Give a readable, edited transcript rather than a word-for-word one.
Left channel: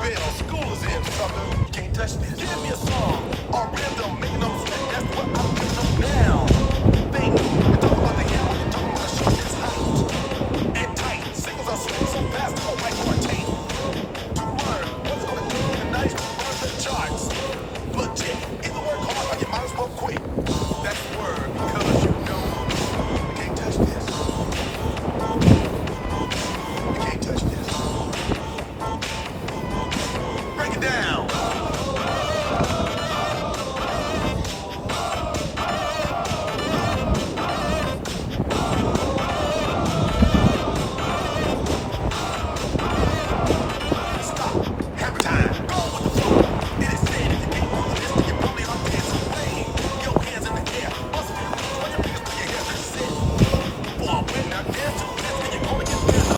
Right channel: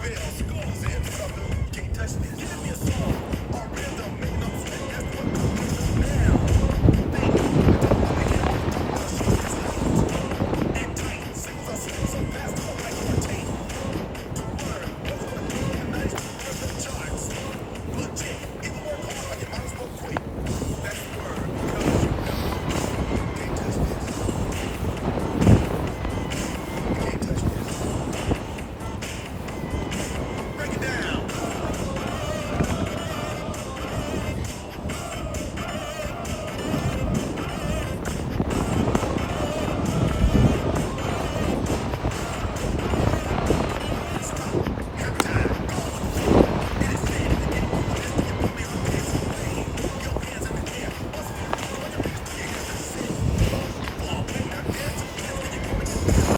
bell. School is in, sucker. Can't touch this. Give me a song or rhythm. Make no sweat. That's what I'm with them now. They know. Talk about the ghetto. You talk about short is hot and tight. Singles are swing so fast. Go right on my tape. To learn what's gonna do tonight on the charts. Legit. Either work hard or you might as well quit. That's the word. Cause you know you can't touch this. You can't touch this. Break it down.